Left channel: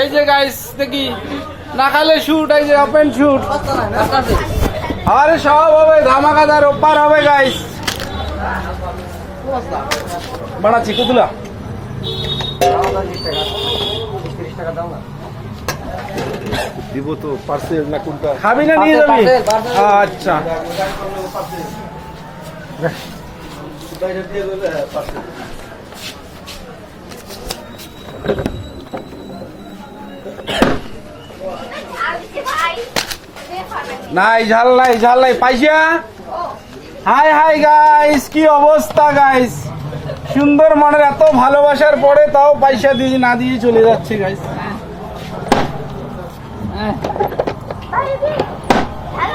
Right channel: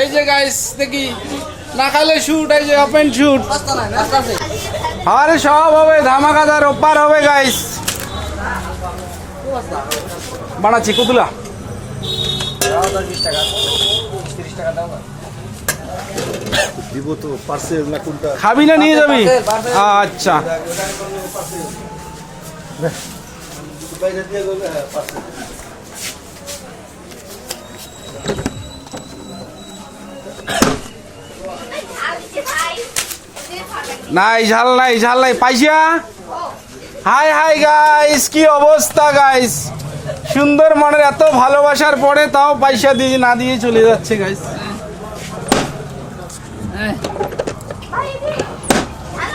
এই যে গাইস দেখি না খালে শুট, এই যে ওপেন শুট, আরে সব হবে, ধামাকাদার অফার হবে গাইস। বানাচ্ছি কতগুলো দিব তো পার্সেল না কোনটা খাবি না নিয়ে যাবি? আচ্ছা নাই ঝাল নাই ঝাল নাই পাইসা। হাই হাই গাইস, কি অবস্থা গাইস, সুন্দর মানের এত ভালোবাসার পরে তাও পয়সা দিয়ে না দিয়ে চলে যাচ্ছে গাইস।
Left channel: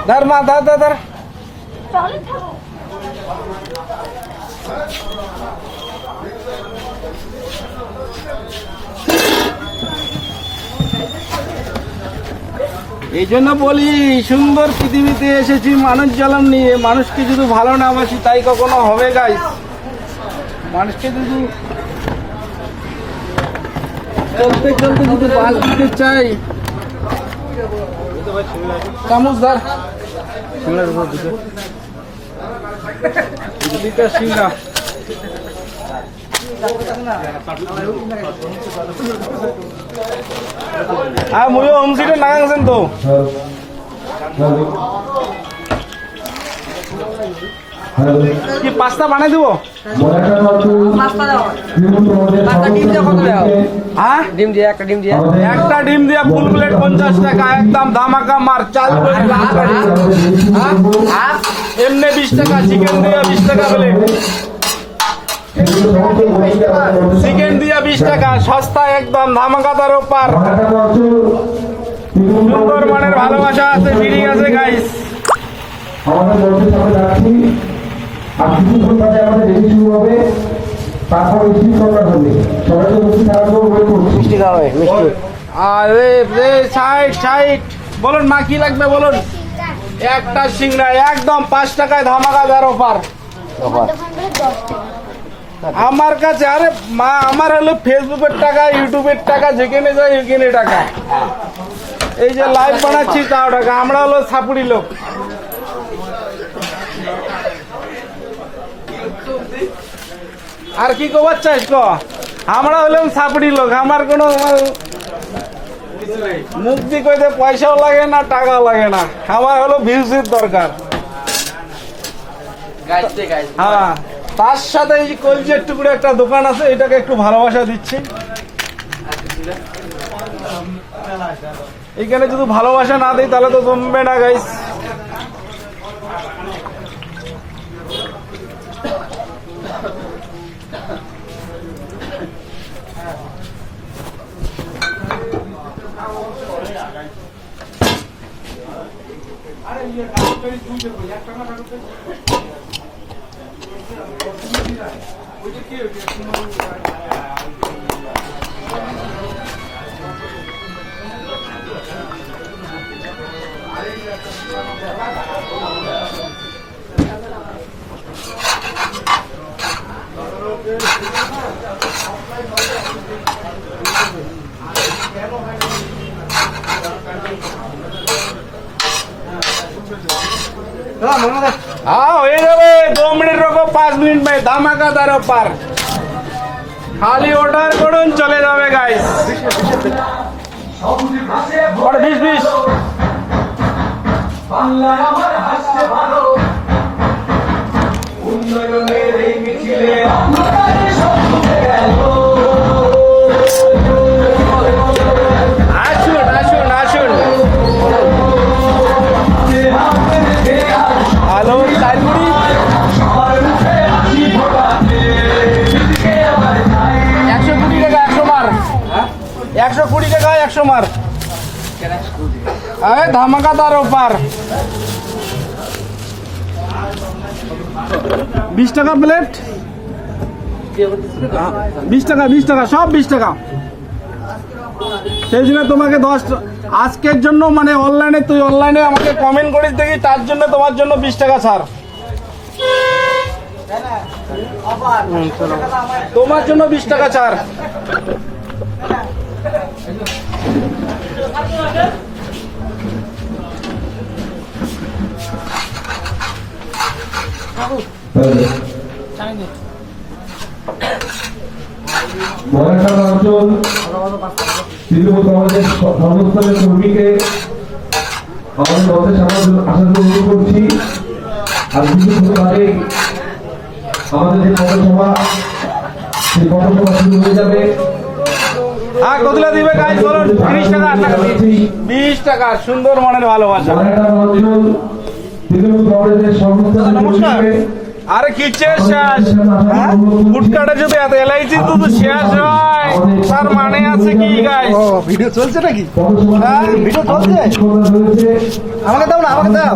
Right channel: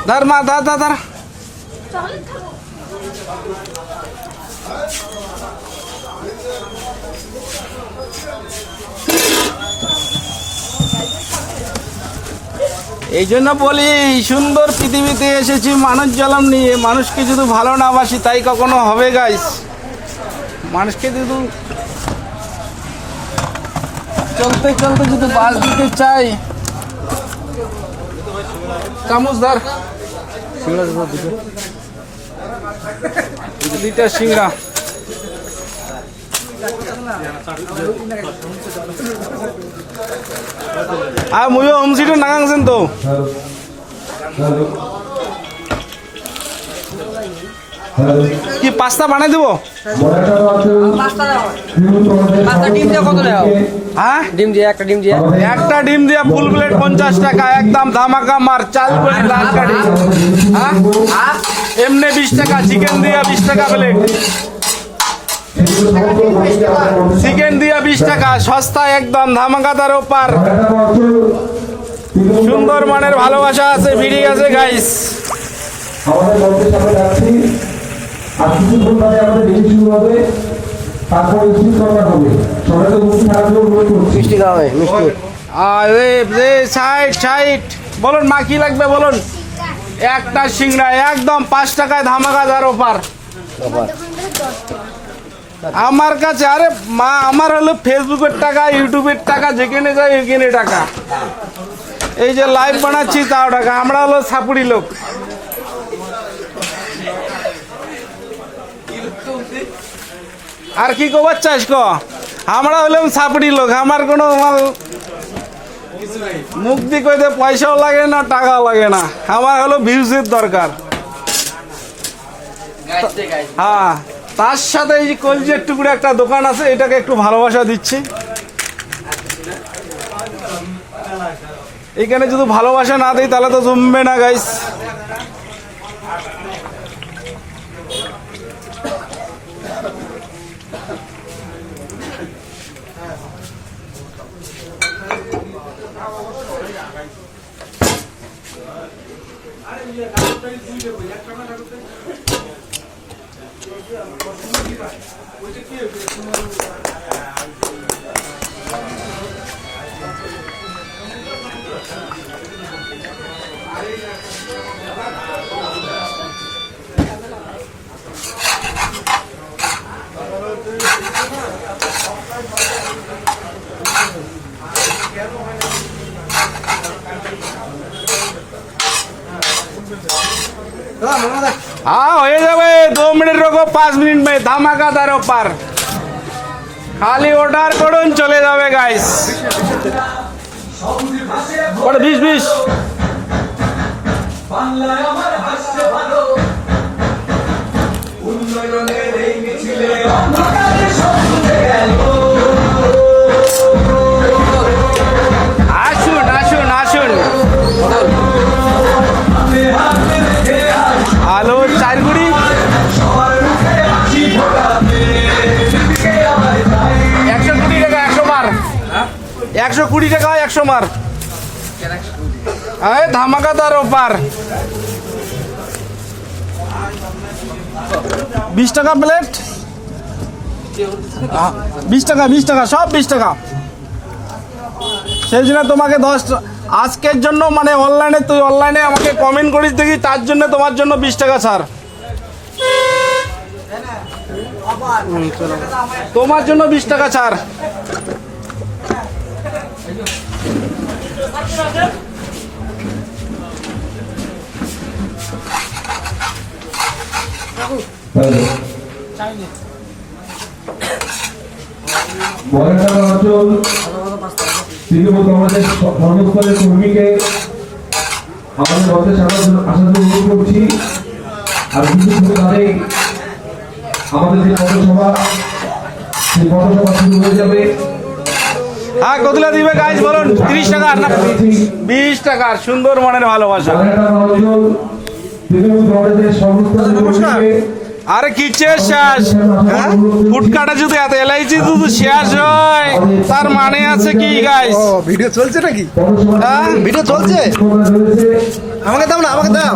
ধর মা, ধর ধর ধর। এই জন্য বলি সুন্দর পৃথিবীতে এসেছি মানুষ জন্ম নিয়ে, মানুষকে যদি ভালো না বাসি তাই কখনো হবে গাইস। মানুষকে যদি চলতে চলতে যদি বাস দিতে চাই, চামচ ধর দুইটা সিংড়া। হ্যাঁ ময়ও হোম সিটে না আনছেন তো কি পাস্তা বানাই দেবো? একটা ডিম দিয়ে ফুল প্লেট 50 টাকা, একদম ধামাকা মার। চাল এমনি 20 টাকা, চিকেন দিয়ে 20 টাকা প্লেট, চিকেন দিয়ে 20 টাকা, সস্তা একদম, ধামাকাদার অফার। সুন্দর মানের ভালোবাসা আছে, ভিড়ি আছে গাইস। আমাদের মধ্যে সামনে যাচ্ছি, আর কিছুক্ষণ পরে আমাদের রেডি শুরু হবে, তারপর স্পিড করার হবে। সবাই তো বসে থাকবো, ওয়েট করছি। মিষ্টি খাবে, মিষ্টি। আরে রে সাইড সাইড বলুন মা কি লাগবে বলুন। একটা সিংড়া একদম 5 টাকায় ধামাকাদার অফার আমার কাছে। আরে মা, আমার হলো ফেসবুকের টাকা, ইউটিউবের টাকা, যেখানে যাই ওখানে টাকা। এই যে লাইভ বানাচ্ছি তাও টাকা। আমরা হলো সাপুড়ি লোক। আর কি কবার চাইস ক, আমরা হলাম সাপুড়ি লোক। আমার কোনো মুক্তি কইতে পয়সাও লাগে না, টাকাও লাগে না। আমার হলো ভিউজের দরকার। হ্যাঁ, তার সাথে এই কলজের টুকরো একটা দোকান আছে, এটাকে একটু ভালোবাসা দিচ্ছি। এইখানে যদি ভালোবাসা না দিই তাহলে তো জমবে না গাইস। हाँ हो जाए 2 मिनट रोको, 5 मिनट में धमाकादार ऑफर। खाली ऑर्डर করুন চলে যাবে গাইস। और 20 বাংলা আমার হাসছে ভালো, উন্নয়নের এই মিছিলে আমাদের সব ছুটে গেল। আসুন আসুন আসুন। হ্যালো চারগুড়ি 120 টাকা 100 মার, 120 টাকা 100 মার। হ্যাঁ ধামাকাদার অফার। 20 টাকা প্লেট, 20 টাকা 20 টাকা সব 20 টাকা। সেই জন্য তোমাকে 10 আজকের জন্য মানে অনলাইনে, তুই অনলাইনে আমাকে কমেন্ট করিস দেখি, তার জন্য তোমার জন্য 20 টাকা ছাড়। তোমার জন্য 20 টাকা ছাড়। মহারাষ্ট্র অঞ্চল তৃণমূল কংগ্রেসের সর্বস্তরের কর্মীকে আমাদের মঞ্চে আসার জন্য অনুরোধ করছি। আর কিছুক্ষণ বাদে আমাদের যে পথসভা, সেই পথসভা শুরু হয়ে যাবে। হ্যাঁ কতলা দিবে গাইস বলুন? 30 টাকা 20 টাকা। সুন্দর মনের ভালোবাসা। মহারাষ্ট্র অঞ্চল তৃণমূল কংগ্রেসের সর্বস্তরের কর্মীকে আরে কিচ্ছের শেষ, ফুটকাটা যদি এত এলআইসি যদি শেষ হয় তার মানে আছে কি গাইস? ভিডিও চলছে নাকি? পথসভা ভিডিও চলছে? হয়েছে। আমাকে দাও না, আমাকে দাও।